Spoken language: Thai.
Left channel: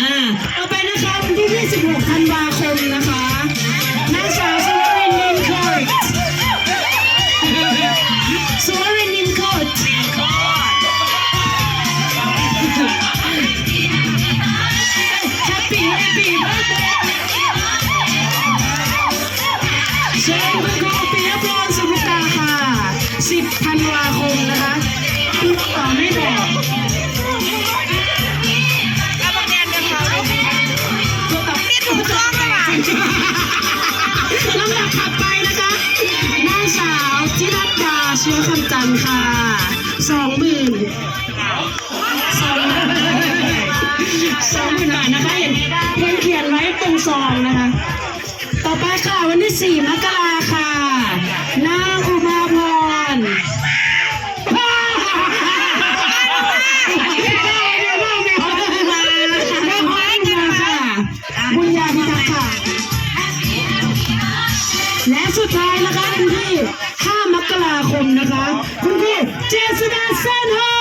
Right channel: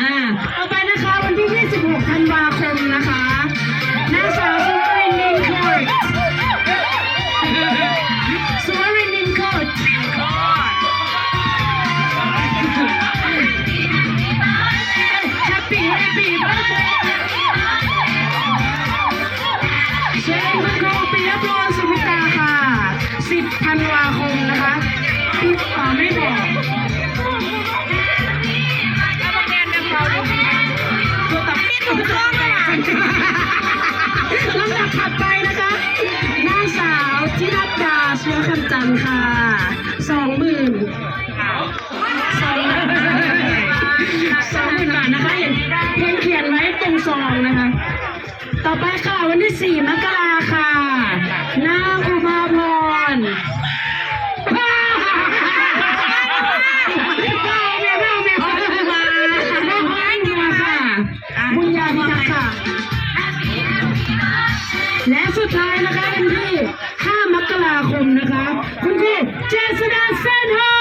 อ่าต่อไปนะคะวันที่ 26 ธันวาคมนะคะนางสาวสุวรินทร์ลินโคดสุวรินทร์ลินโคดแฮปปี้แฮปปี้เบิร์ดเดย์เชนคุณครูปิยพรสุภิตาค่ะ 10 ธันวาคมนะคะ ลำดับถัดไปนะคะ นางสาวธิรัตดาเชื้อคำจันทร์ค่ะสองหมื่นสองหมื่นสองหมื่นบาทนะคะเห็นเห็นเขียนไว้ตรงซองนะคะ ต่อไปค่ะวันที่สี่มกรา บุญญาพิทักษ์ค่ะ และสุดท้ายนะคะคุณพี่ 5 มกราคมนะคะ คุณพี่ เจสดาเซนโฮ